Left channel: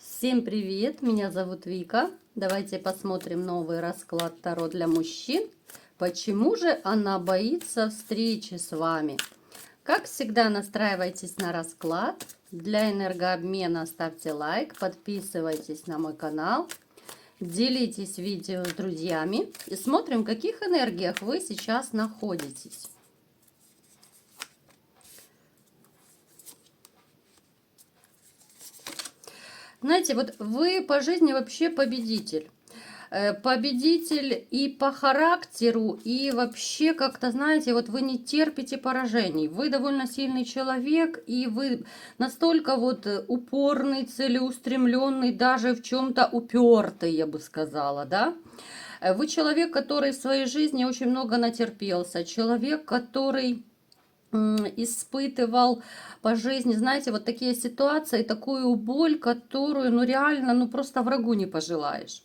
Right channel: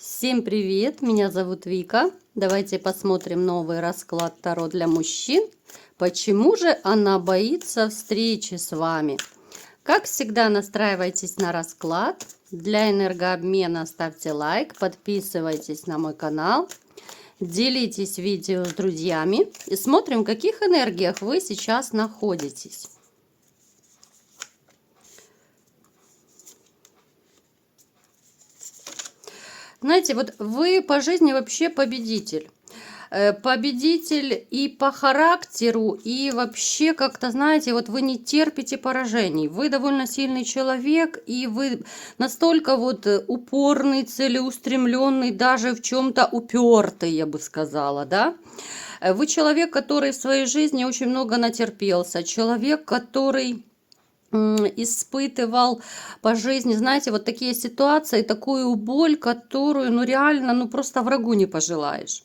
Всем привет! Меня зовут Вика. Давайте посмотрим новый расклад Таро для мужчин. Почему же она боится встречи с вами? Как всегда, настраивайтесь на расклад. Для энергообмена ставьте лайк, подписывайтесь на мой канал, делитесь видео с друзьями и смотрим, в каких энергиях вы сейчас находитесь. Знаете, вот вы по жизни вообще победитель. Победитель и по характеру, и вообще как-то, знаете, вот вы не терпите поражений. Вы довольно сильный человек, и вы настолько вот упорный, целеустремленный, даже в чем-то упертый, я бы сказала, да? Вы человек, который в своей жизни очень много натерпелся, человек, который испытывал по жизни, знаете, вот такие ситуации, такую боль, которую, ну реально, ну просто врагу не пожелаешь.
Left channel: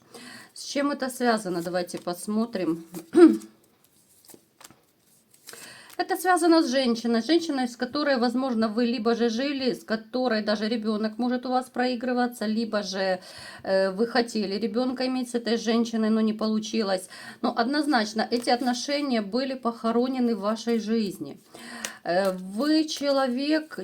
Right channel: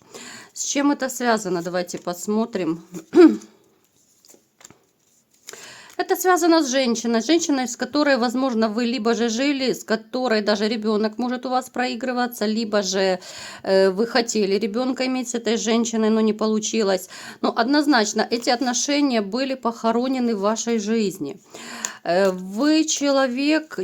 С чем это связано? Давайте посмотрим. Это связано с женщиной, с которой, возможно, вы либо же жили, с которой даже ребенок может у вас проигрываться, либо же вы хотели ребенка иметь с этой женщиной, но не получилось. Но однозначно эти отношения были похоронены в вашей жизни. Вы человек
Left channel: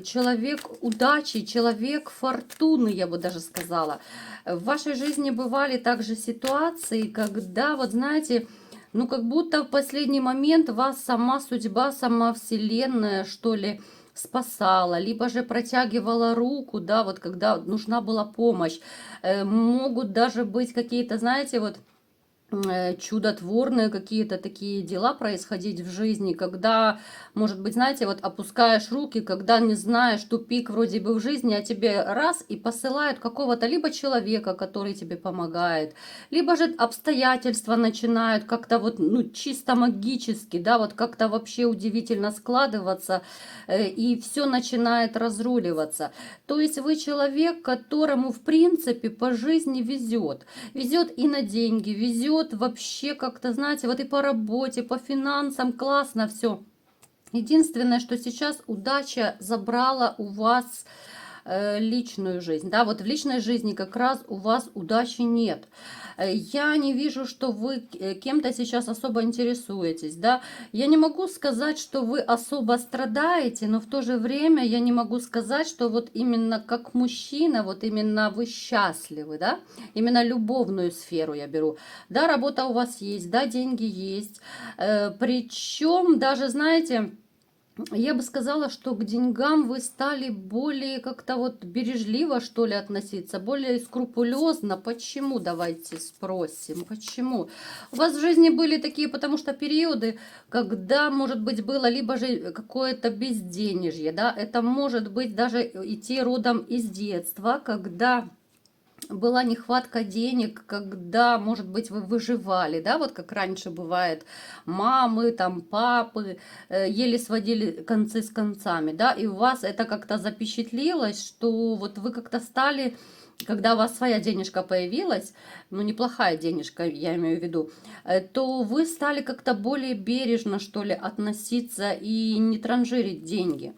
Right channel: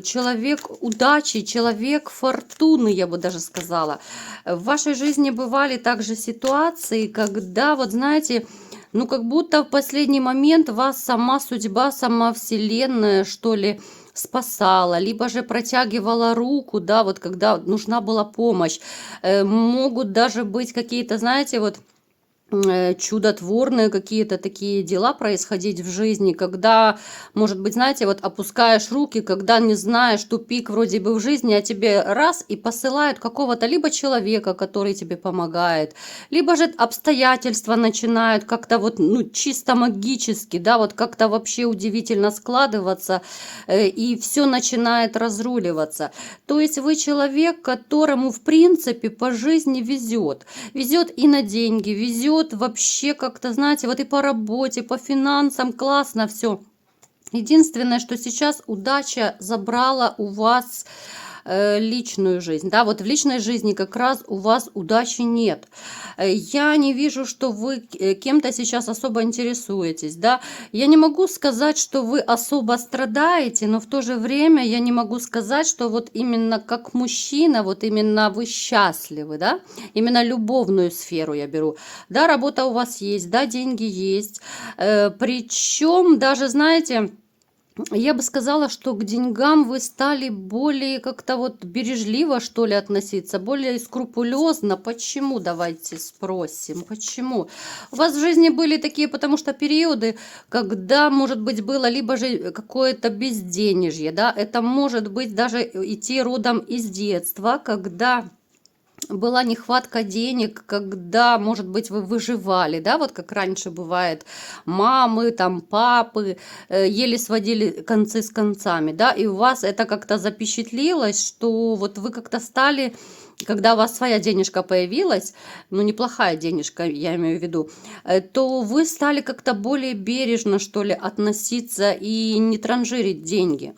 удачи, человек фортуны, я бы даже сказала. В вашей жизни бывали также ситуации, когда, вот знаете, ну как будто в последний момент вас сама судьба, сама вселенная, что ли, спасала, либо же протягивала руку, да, вот когда нужна была помощь. Могут даже быть какие-то, знаете, вот чудотворные какие-то такие дела происходить в жизни, когда, может быть, знаете, вот опускаешь руки, когда не знаешь, тупик вроде бы в жизни, а тебе раз и посылают какого-то либо человека, который тебе помогает, либо же обстоятельства начинают как-то вот, ну, чисто магически, да, вот как-то вообще удивительно складываться, и все начинает разруливаться. То есть вы человек, которому, в принципе, по жизни везет. Везет и на деньги, везет вообще как-то, знаете, вот и по работе, по финансам, классно все. Единственное, что сейчас удача забрала у вас личную жизнь, да, вот в личной жизни как раз у вас удачи нет. Я не вижу, что вы кем-то сейчас особо интересуетесь, да. Я не могу сказать, что вы особо страдаете, но в то же время я не могу сказать, что вот именно как мужчина, вот именно вы счастливы, да. Именно любовную сферу я беру. Да, работа у вас есть, да, деньги есть. Причем даже, знаете, я бы сказала, что к деньгам вы стали более как-то вот бережливо, что ли, относиться, более скрупулезно. Почему? Давайте спросим. Почему? У вас в жизни были такие, потому что периоды, когда, может быть, было либо же какое-то безденежье, да, это может быть даже идти родом из детства, когда была нехватка денег, когда, может быть, вы выживали, да, вот как раньше бывает, мамы, там, папы еле сводили концы с концами, да, и у вас это как-то запечатлелось, что вот вы как-то стали, когда у вас своя денежка появилась, ну, неплохая денежка, я имею в виду, то вы стали как-то более бережно, что ли, относиться и не транжирить деньги.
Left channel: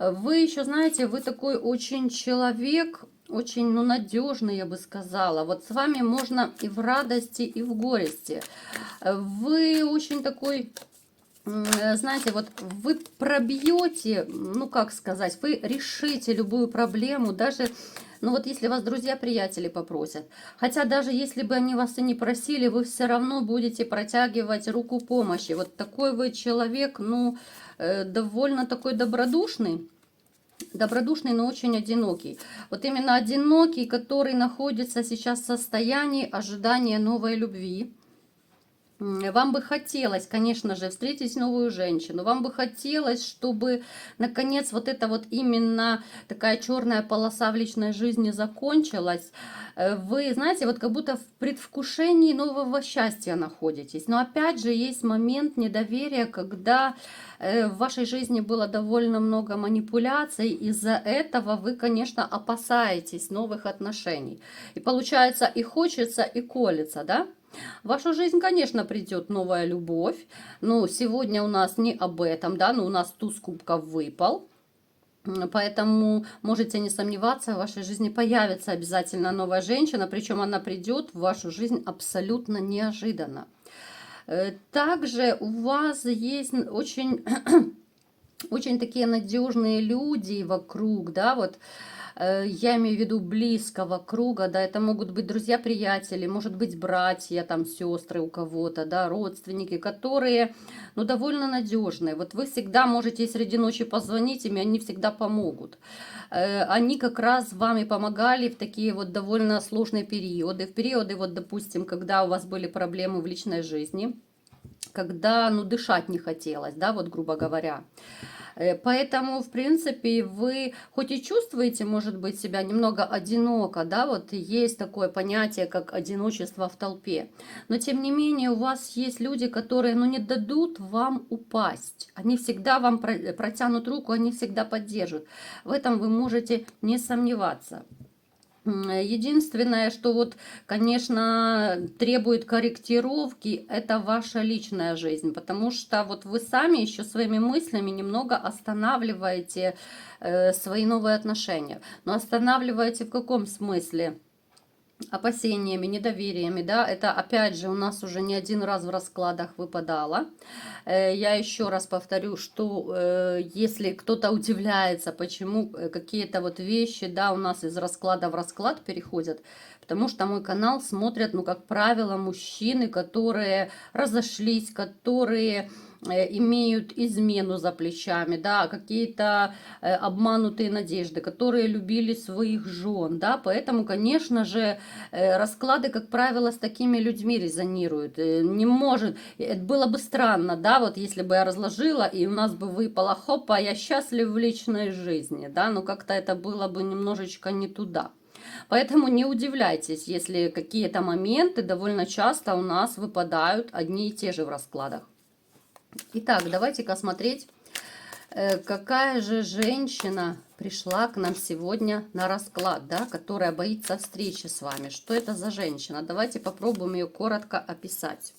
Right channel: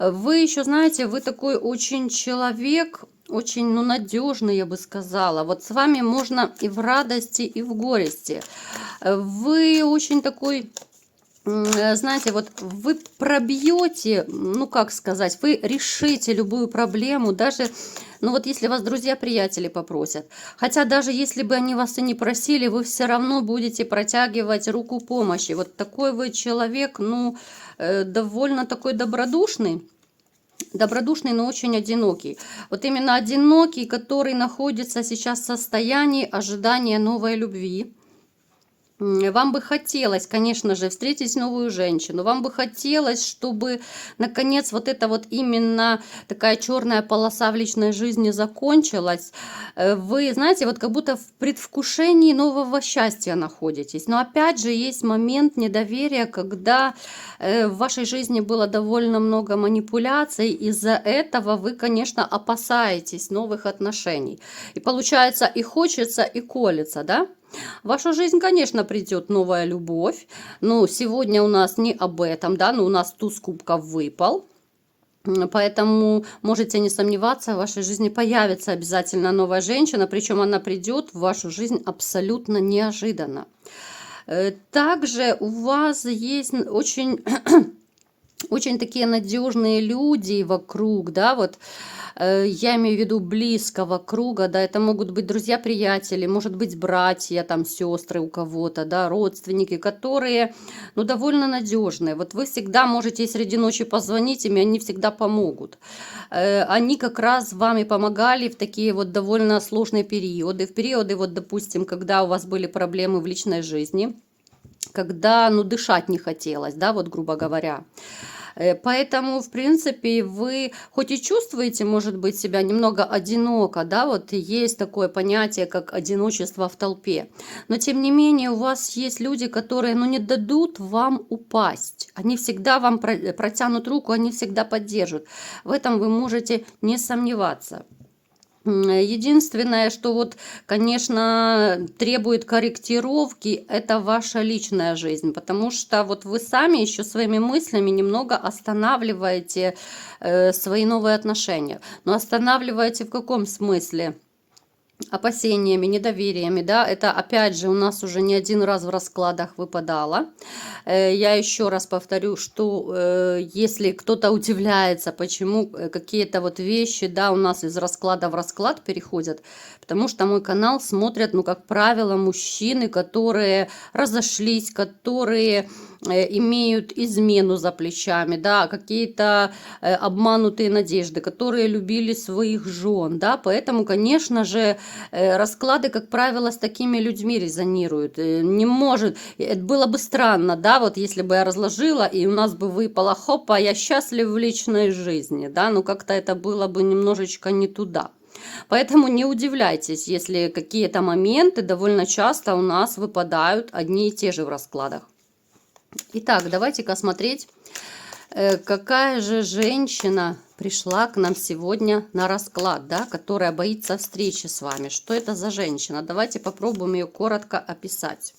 Вы еще знаете, вы такой очень человек, очень, ну, надежный, я бы сказала. Вот с вами можно и в радости, и в горести. Вы очень такой, знаете, вот вы пробьете, ну, как сказать, вы решите любую проблему, даже, ну, вот если вас друзья-приятели попросят. Хотя даже если бы они вас и не просили, вы все равно будете протягивать руку помощи. Вот такой вы человек, ну, довольно такой добродушный. Добродушный, но очень одинокий. Вот именно одинокий, который находится сейчас в состоянии ожидания новой любви. Вам бы хотелось, конечно же, встретить новую женщину. Вам бы хотелось, чтобы, наконец, вот эта вот именно такая черная полоса в личной жизни закончилась. Вы, знаете, вот как будто в предвкушении нового счастья находитесь. Но опять же есть момент недоверия, когда в вашей жизни было довольно много манипуляций. Из-за этого вы, конечно, опасаетесь новых отношений. И получается, и хочется, и колется, да? В вашу жизнь, конечно, придет новая любовь. Но сегодня у нас не об этом, да, но у нас туз кубков выпал. Поэтому можете не сомневаться, в вашей жизни появится обязательно новая женщина, причем она придет в вашу жизнь абсолютно неожиданно. Также у вас есть очень, очень такие надежные люди вокруг, да, вот я имею в виду близкого круга, да, это могут быть друзья-приятели, может быть, братья, там, сестры у кого-то, да, родственники, которые, ну, довольно надежные. Вот вы всегда можете среди ночи позвонить им, и они всегда помогут. Они как раз вами помогали в такие вот довольно сложные периоды, в периоды, вот, допустим, когда у вас были проблемы в личной жизни, когда, ну, дышать не хотелось, да, вот, грубо говоря. Поэтому, в принципе, вы хоть и чувствуете, может быть, себя немного одиноко, да, вот есть такое понятие, как одиночество в толпе, но, тем не менее, у вас есть люди, которые, ну, не дадут вам упасть. Они всегда вам протянут руку, они всегда поддержат. В этом вы можете не сомневаться. Единственное, что вот, конечно, требует корректировки, это ваша личная жизнь, потому что вот вы сами еще своими мыслями немного останавливаете свои новые отношения. Но останавливаете в каком смысле? Опасениями, недовериями, да, это опять же у нас уже не один раз в раскладах выпадало. Я еще раз повторю, что если кто-то удивляется, почему какие-то вот вещи, да, у нас из расклада в расклад переходят, потому что мой канал смотрят, ну, как правило, мужчины, которые разошлись, которые имеют измену за плечами, да, какие-то обманутые надежды, которые любили своих жен, да, поэтому, конечно же, расклады, как правило, с такими людьми резонируют. Не может, это было бы странно, да, вот если бы я разложила, и у нас бы выпало, хопа, я счастлив в личной жизни, да, но как-то это было бы немножечко не туда. Поэтому не удивляйтесь, если какие-то моменты довольно часто у нас выпадают одни и те же в раскладах. Итак, давайте-ка смотреть, какая же женщина пришла к нам сегодня на расклад, да, которая боится встречи с вами. Что это за женщина? Давайте попробуем ее коротко описать.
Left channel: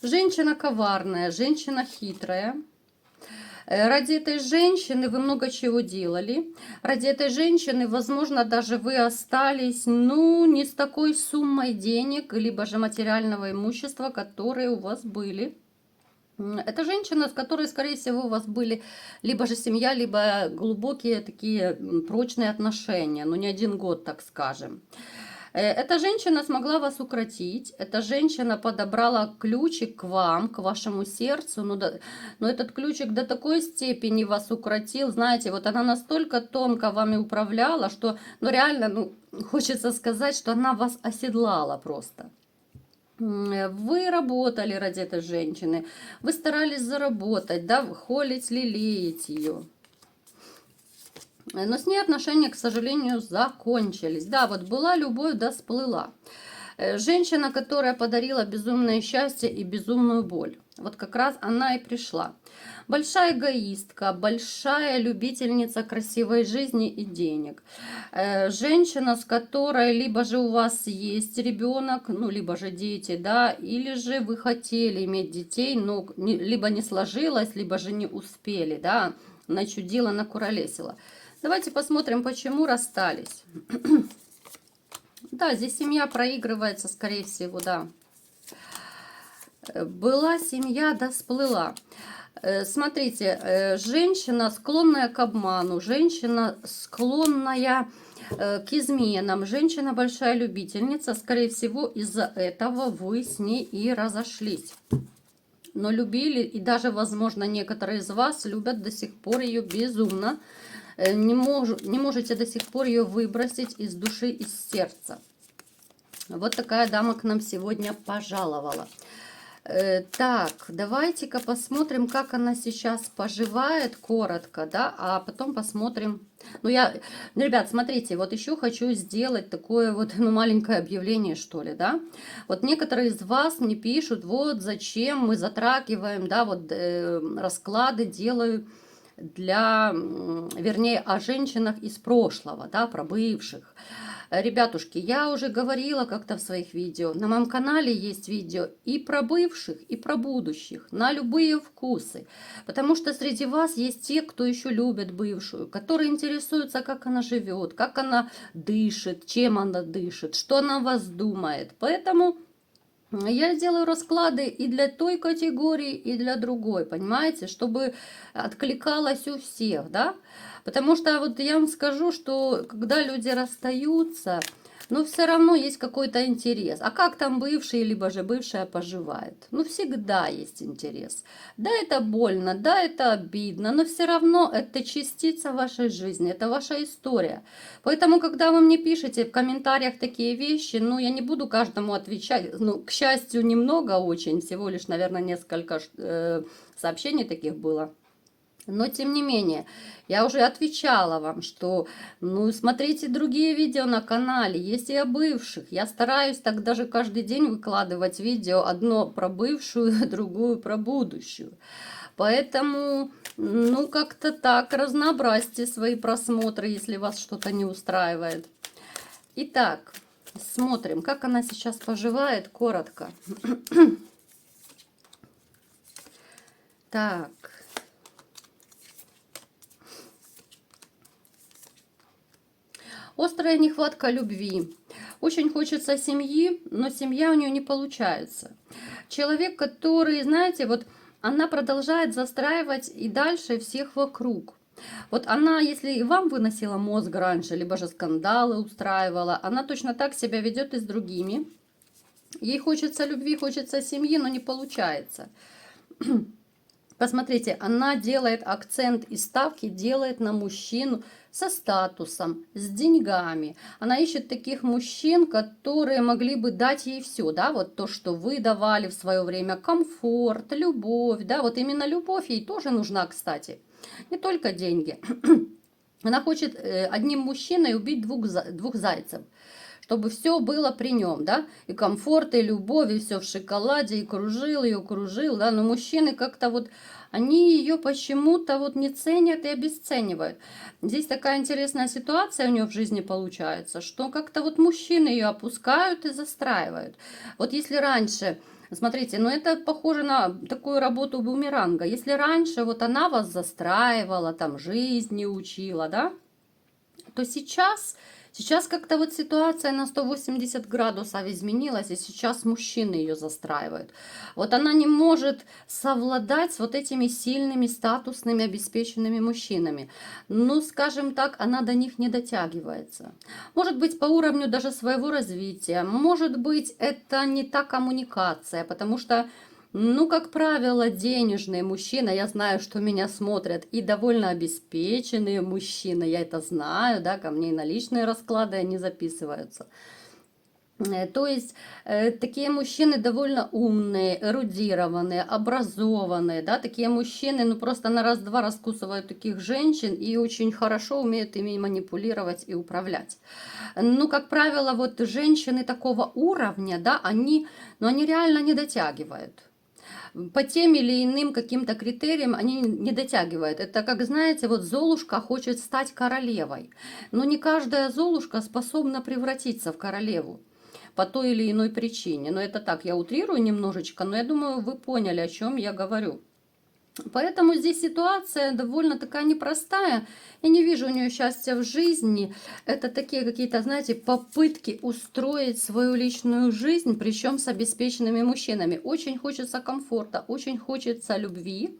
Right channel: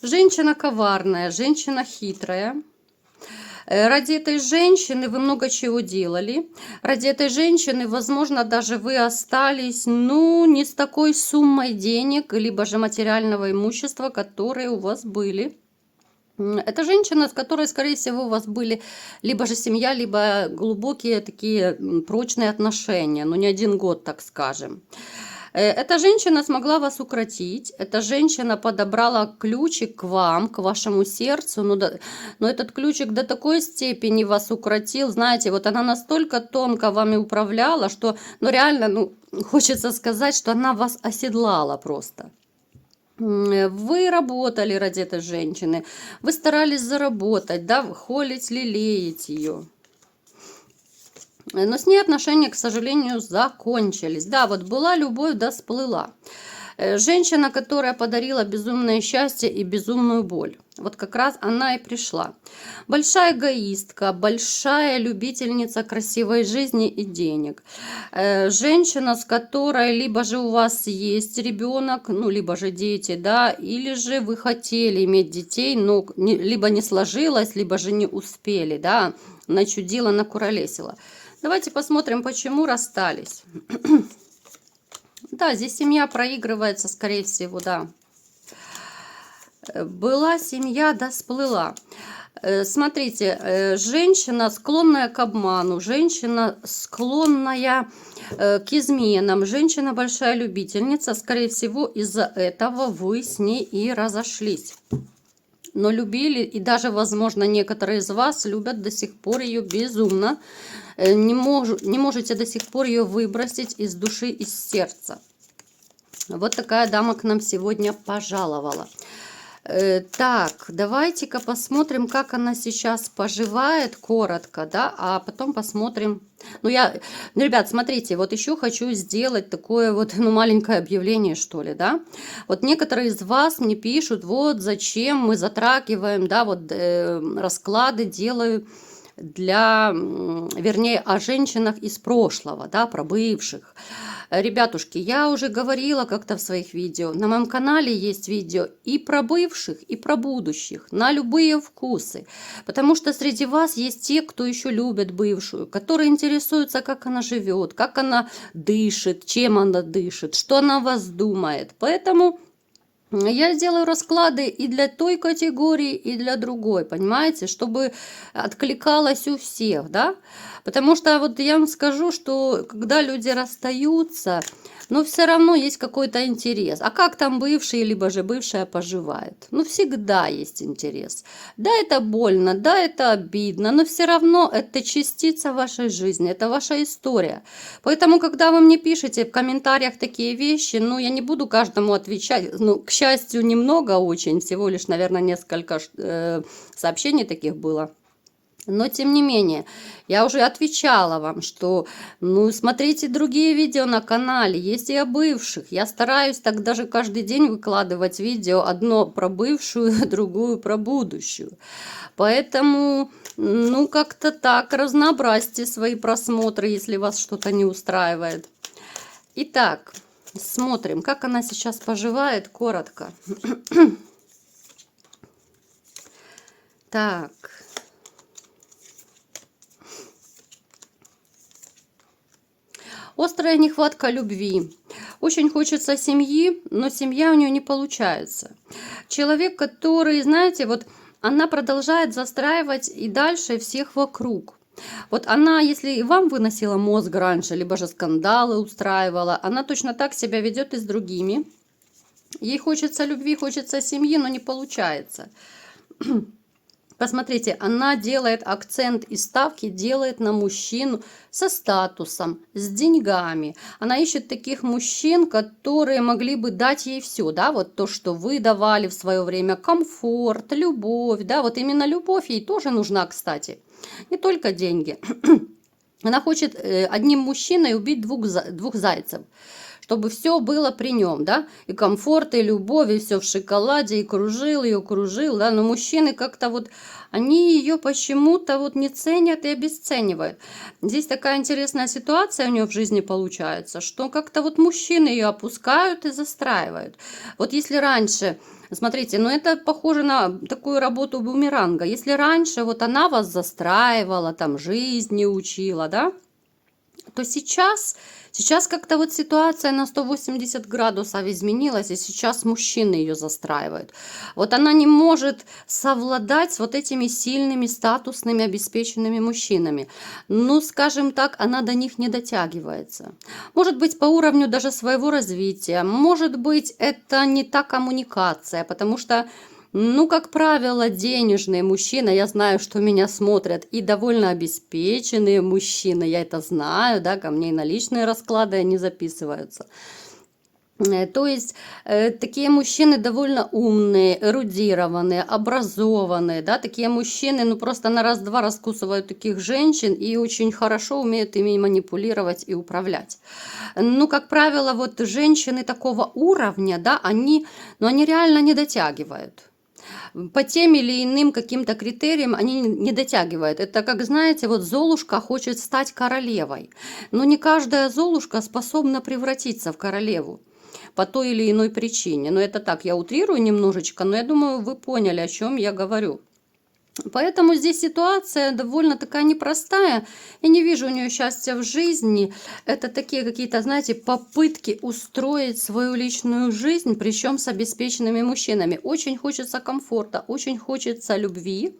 Женщина коварная, женщина хитрая. Ради этой женщины вы много чего делали. Ради этой женщины, возможно, даже вы остались, ну, не с такой суммой денег, либо же материального имущества, которые у вас были. Это женщина, с которой, скорее всего, у вас были либо же семья, либо глубокие такие прочные отношения. Ну, не один год, так скажем. Эта женщина смогла вас укротить, эта женщина подобрала ключик к вам, к вашему сердцу, но этот ключик до такой степени вас укротил, знаете, вот она настолько тонко вами управляла, что, ну реально, ну, хочется сказать, что она вас оседлала просто. Вы работали ради этой женщины, вы старались заработать, да, холить, лелеять ее. Но с ней отношения, к сожалению, закончились. Да, вот была любовь, да сплыла. Женщина, которая подарила безумное счастье и безумную боль. Вот как раз она и пришла. Большая эгоистка, большая любительница красивой жизни и денег. Женщина, с которой либо же у вас есть ребенок, ну, либо же дети, да, или же вы хотели иметь детей, но либо не сложилось, либо же не успели, да, начудила, накуролесила. Давайте посмотрим, почему расстались. Да, здесь семья проигрывается, скорее всего, да. Была семья, да, сплыла. Смотрите, женщина, склонная к обману, женщина, склонная к изменам, женщина, большая любительница, скорее всего, из-за этого вы с ней и разошлись. Но любили, и даже, возможно, некоторые из вас любят до сих пор ее безумно. Не можете до сих пор ее выбросить из души, из сердца. Вот такая дама к нам сегодня пожаловала. Так, давайте-ка посмотрим, как она сейчас поживает, коротко, да, а потом посмотрим. Ребят, смотрите, вот еще хочу сделать такое вот, ну, маленькое объявление, что ли, да. Вот некоторые из вас мне пишут, вот зачем мы затрагиваем, да, вот расклады делаю вернее, о женщинах из прошлого, да, про бывших. Ребятушки, я уже говорила как-то в своих видео, на моем канале есть видео и про бывших, и про будущих, на любые вкусы. Потому что среди вас есть те, кто еще любит бывшую, которые интересуются, как она живет, как она дышит, чем она дышит, что она о вас думает. Поэтому я делаю расклады и для той категории, и для другой, понимаете, чтобы откликалось у всех, да? Потому что вот я вам скажу, что когда люди расстаются, но все равно есть какой-то интерес. А как там бывший, либо же бывшая поживает? Ну, всегда есть интерес. Да, это больно, да, это обидно, но все равно это частица вашей жизни, это ваша история. Поэтому, когда вы мне пишете в комментариях такие вещи, ну, я не буду каждому отвечать. Ну, к счастью, немного очень, всего лишь, наверное, несколько сообщений таких было. Но, тем не менее, я уже отвечала вам, что, ну, смотрите другие видео на канале, есть и о бывших. Я стараюсь так даже каждый день выкладывать видео, одно про бывшую, другую про будущую. Поэтому, ну, как-то так, разнообразьте свои просмотры, если вас что-то не устраивает. Итак, смотрим, как она сейчас поживает, коротко. Так. Острая нехватка любви. Очень хочется семьи, но семья у нее не получается. Человек, который, знаете, вот она продолжает застраивать и дальше всех вокруг. Вот она, если и вам выносила мозг раньше, либо же скандалы устраивала, она точно так себя ведет и с другими. Ей хочется любви, хочется семьи, но не получается. Посмотрите, она делает акцент и ставки, делает на мужчину со статусом, с деньгами. Она ищет таких мужчин, которые могли бы дать ей все, да, вот то, что вы давали в свое время, комфорт, любовь, да, вот именно любовь ей тоже нужна, кстати, не только деньги. Она хочет одним мужчиной убить двух зайцев, чтобы все было при нем, да, и комфорт, и любовь, и все в шоколаде, и кружил ее, кружил, да, но мужчины как-то вот, они ее почему-то вот не ценят и обесценивают. Здесь такая интересная ситуация у нее в жизни получается, что как-то вот мужчины ее опускают и застраивают. Вот если раньше... Смотрите, ну это похоже на такую работу бумеранга. Если раньше вот она вас застраивала, там жизни учила, да, то сейчас как-то вот ситуация на 180 градусов изменилась, и сейчас мужчины ее застраивают. Вот она не может совладать с вот этими сильными, статусными, обеспеченными мужчинами. Ну, скажем так, она до них не дотягивается. Может быть, по уровню даже своего развития. Может быть, это не та коммуникация, потому что... Ну, как правило, денежные мужчины, я знаю, что меня смотрят, и довольно обеспеченные мужчины, я это знаю, да, ко мне и на личные расклады они записываются. То есть такие мужчины довольно умные, эрудированные, образованные, да, такие мужчины, ну, просто на раз-два раскусывают таких женщин и очень хорошо умеют ими манипулировать и управлять. Ну, как правило, вот женщины такого уровня, да, они реально не дотягивают. По тем или иным каким-то критериям они не дотягивают. Это как, знаете, вот Золушка хочет стать королевой. Но не каждая Золушка способна превратиться в королеву по той или иной причине. Но это так, я утрирую немножечко, но я думаю, вы поняли, о чем я говорю. Поэтому здесь ситуация довольно такая непростая. Я не вижу у нее счастья в жизни. Это такие какие-то, знаете, попытки устроить свою личную жизнь, причем с обеспеченными мужчинами. Очень хочется комфорта, очень хочется любви.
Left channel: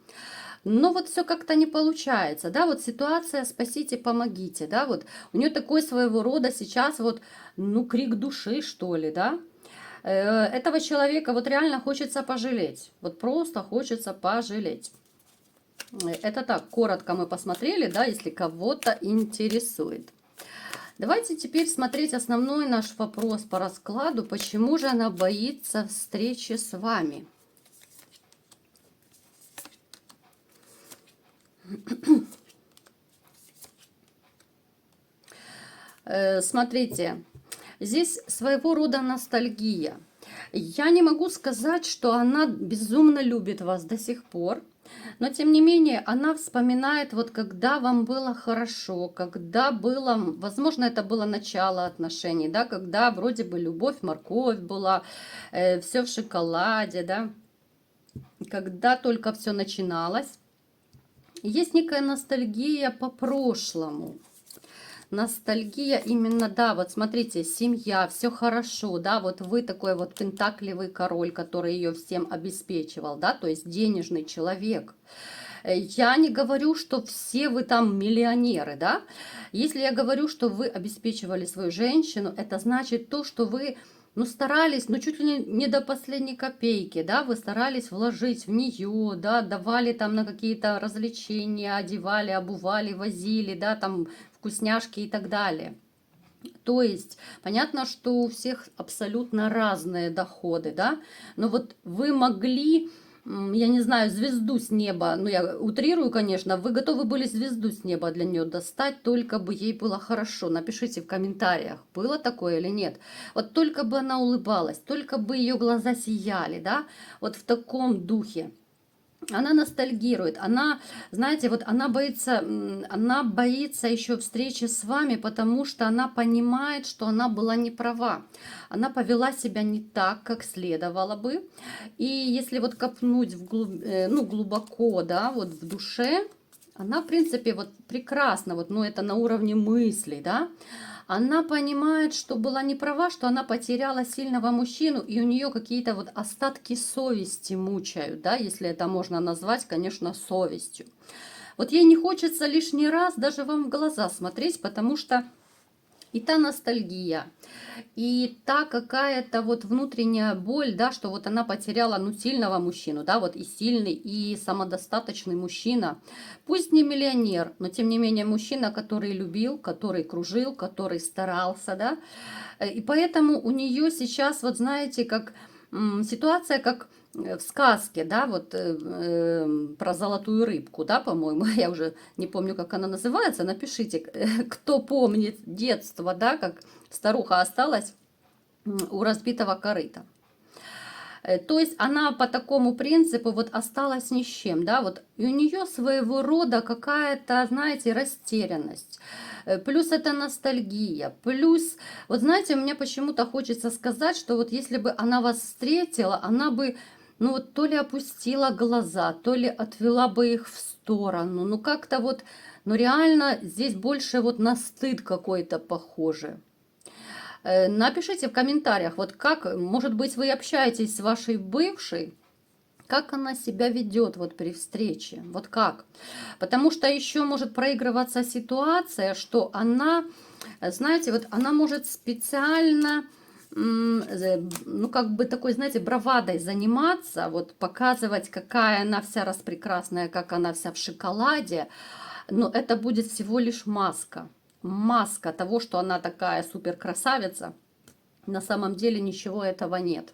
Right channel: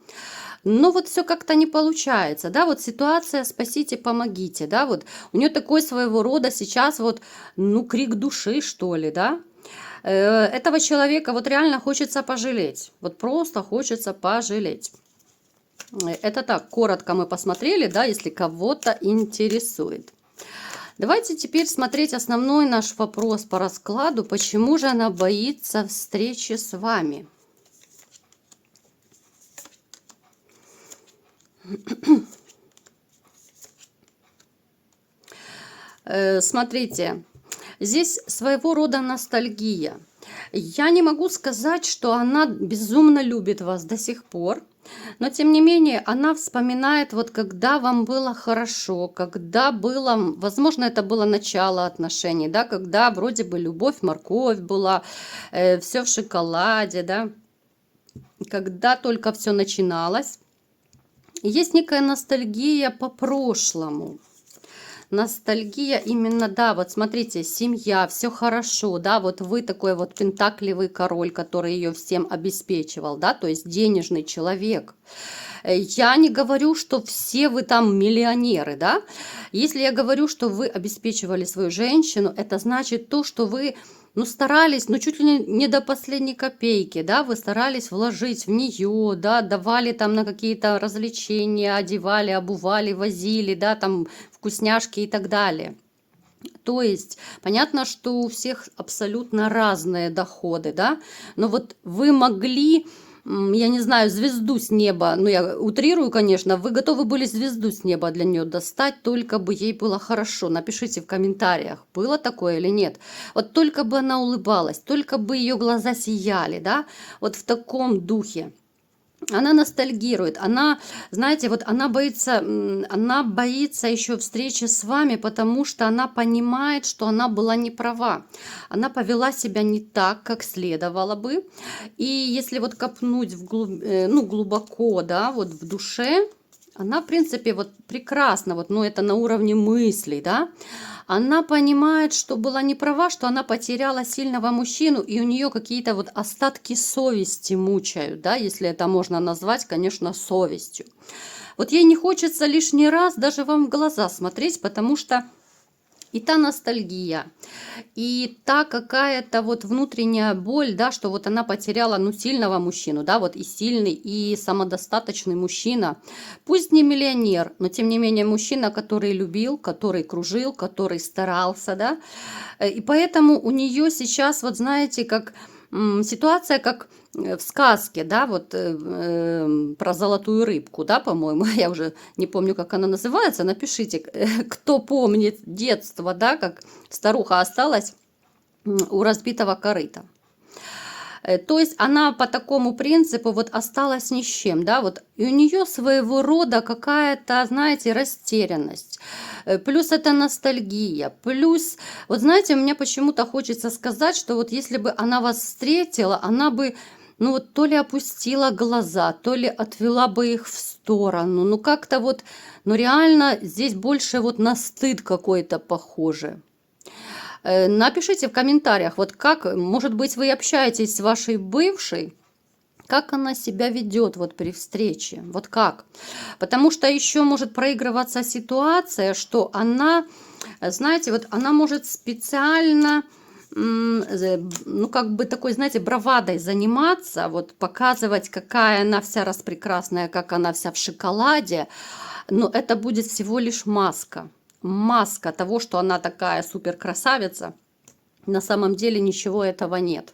Но вот все как-то не получается, да, вот ситуация «спасите, помогите», да, вот у нее такой своего рода сейчас вот, ну, крик души, что ли, да. Этого человека вот реально хочется пожалеть, вот просто хочется пожалеть. Это так, коротко мы посмотрели, да, если кого-то интересует. Давайте теперь смотреть основной наш вопрос по раскладу. Почему же она боится встречи с вами? Смотрите, здесь своего рода ностальгия. Я не могу сказать, что она безумно любит вас до сих пор. Но тем не менее, она вспоминает, вот когда вам было хорошо, когда было, возможно, это было начало отношений, да, когда вроде бы любовь, морковь была, все в шоколаде, да, когда только все начиналось. Есть некая ностальгия по прошлому. Ностальгия именно, да, вот смотрите, семья, все хорошо, да, вот вы такой вот пентакливый король, который ее всем обеспечивал, да, то есть денежный человек. Я не говорю, что все вы там миллионеры, да. Если я говорю, что вы обеспечивали свою женщину, это значит то, что вы, ну, старались, ну, чуть ли не до последней копейки, да, вы старались вложить в нее, да, давали там на какие-то развлечения, одевали, обували, возили, да, там вкусняшки и так далее. То есть, понятно, что у всех абсолютно разные доходы, да, но вот вы могли, я не знаю, звезду с неба, ну, я утрирую, конечно, вы готовы были звезду с неба для нее достать, только бы ей было хорошо. Напишите в комментариях, было такое или нет. Вот только бы она улыбалась, только бы ее глаза сияли, да, вот в таком духе. Она ностальгирует, она, знаете, вот она боится еще встречи с вами, потому что она понимает, что она была не права. Она повела себя не так, как следовало бы. И если вот копнуть ну, глубоко, да, вот в душе, она, в принципе, вот прекрасно, вот, ну, это на уровне мыслей, да, она понимает, что была не права, что она потеряла сильного мужчину, и у нее какие-то вот остатки совести мучают, да, если это можно назвать, конечно, совестью. Вот ей не хочется лишний раз даже вам в глаза смотреть, потому что и та ностальгия, и та какая-то вот внутренняя боль, да, что вот она потеряла, ну, сильного мужчину, да, вот и сильный, и самодостаточный мужчина. Пусть не миллионер, но тем не менее мужчина, который любил, который кружил, который старался, да. И поэтому у нее сейчас, вот знаете, как ситуация, как в сказке, да, вот про золотую рыбку, да, по-моему, я уже не помню, как она называется, напишите, кто помнит детство, да, как старуха осталась у разбитого корыта. То есть она по такому принципу вот осталась ни с чем, да, вот и у нее своего рода какая-то, знаете, растерянность. Плюс это ностальгия, плюс, вот знаете, мне почему-то хочется сказать, что вот если бы она вас встретила, она бы, ну вот то ли опустила глаза, то ли отвела бы их в сторону, ну как-то вот, ну реально здесь больше вот на стыд какой-то похоже. Напишите в комментариях, вот как, может быть, вы общаетесь с вашей бывшей, как она себя ведет вот при встрече, вот как. Потому что еще может проигрываться ситуация, что она, знаете, вот она может специально, ну как бы такой, знаете, бравадой заниматься, вот показывать, какая она вся распрекрасная, как она вся в шоколаде, но это будет всего лишь маска. Маска того, что она такая супер красавица, на самом деле ничего этого нет.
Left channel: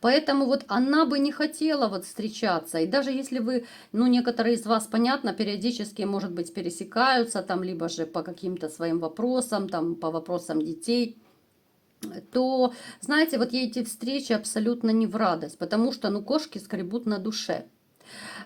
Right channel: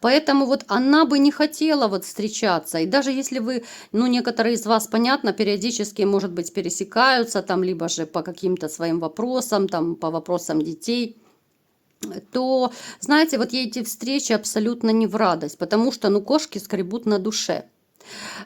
Поэтому вот она бы не хотела вот встречаться. И даже если вы, ну, некоторые из вас, понятно, периодически, может быть, пересекаются там, либо же по каким-то своим вопросам, там, по вопросам детей, то, знаете, вот ей эти встречи абсолютно не в радость, потому что, ну, кошки скребут на душе.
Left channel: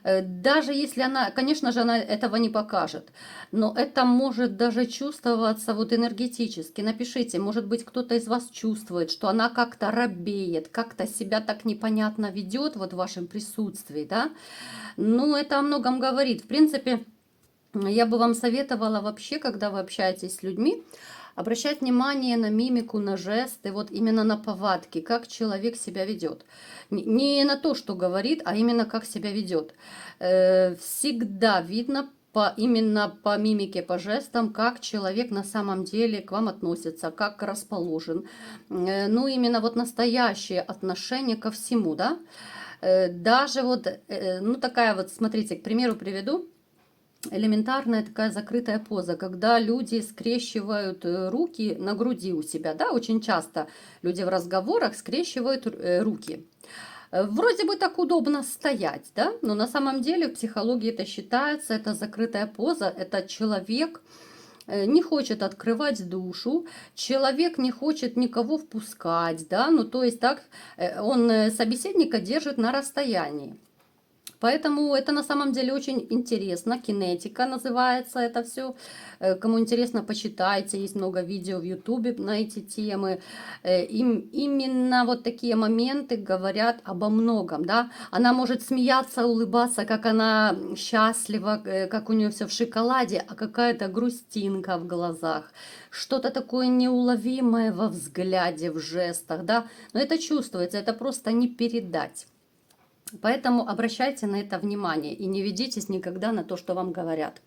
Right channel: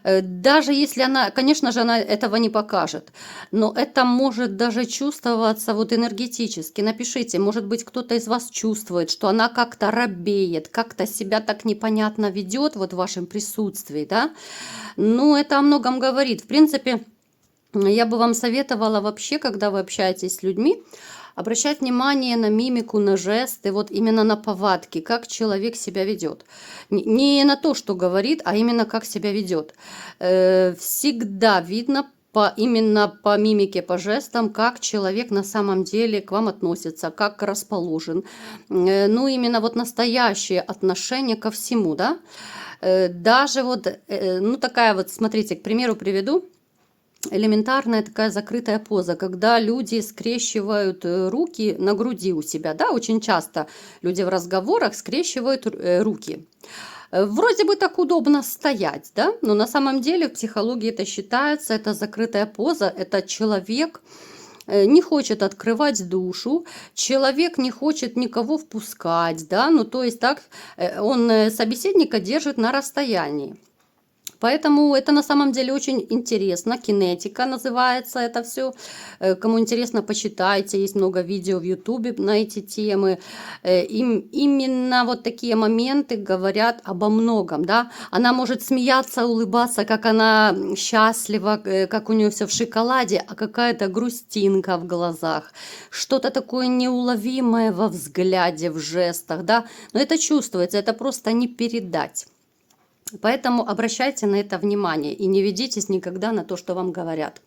Даже если она, конечно же, она этого не покажет, но это может даже чувствоваться вот энергетически. Напишите, может быть, кто-то из вас чувствует, что она как-то робеет, как-то себя так непонятно ведет вот в вашем присутствии, да? Ну, это о многом говорит. В принципе, я бы вам советовала вообще, когда вы общаетесь с людьми, обращать внимание на мимику, на жесты, вот именно на повадки, как человек себя ведет. Не на то, что говорит, а именно как себя ведет. Всегда видно именно по мимике, по жестам, как человек на самом деле к вам относится, как расположен. Ну, именно вот настоящее отношение ко всему, да. Даже вот, ну, такая вот, смотрите, к примеру приведу. Элементарная такая закрытая поза, когда люди скрещивают руки на груди у себя, да, очень часто люди в разговорах скрещивают руки. Вроде бы так удобно стоять, да, но на самом деле в психологии это считается, это закрытая поза, это человек не хочет открывать душу, человек не хочет никого впускать, да, ну то есть так он собеседника держит на расстоянии. Поэтому это на самом деле очень интересно. Кинетика называется это все. Кому интересно, почитайте. Есть много видео в Ютубе на эти темы. Именно вот такие моменты говорят обо многом, да. Она может смеяться, улыбаться, как она счастлива, как у нее все в шоколаде, а какая-то грустинка в глазах. Что-то такое неуловимое во взгляде, в жестах, да. Но это чувствуется, это просто не передать. Поэтому обращайте на это внимание и не ведитесь никогда на то, что вам говорят.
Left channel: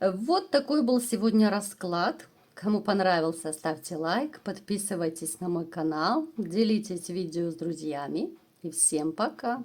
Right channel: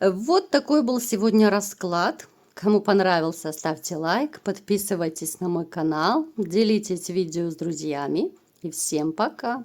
Вот такой был сегодня расклад. Кому понравился, ставьте лайк, подписывайтесь на мой канал, делитесь видео с друзьями. И всем пока!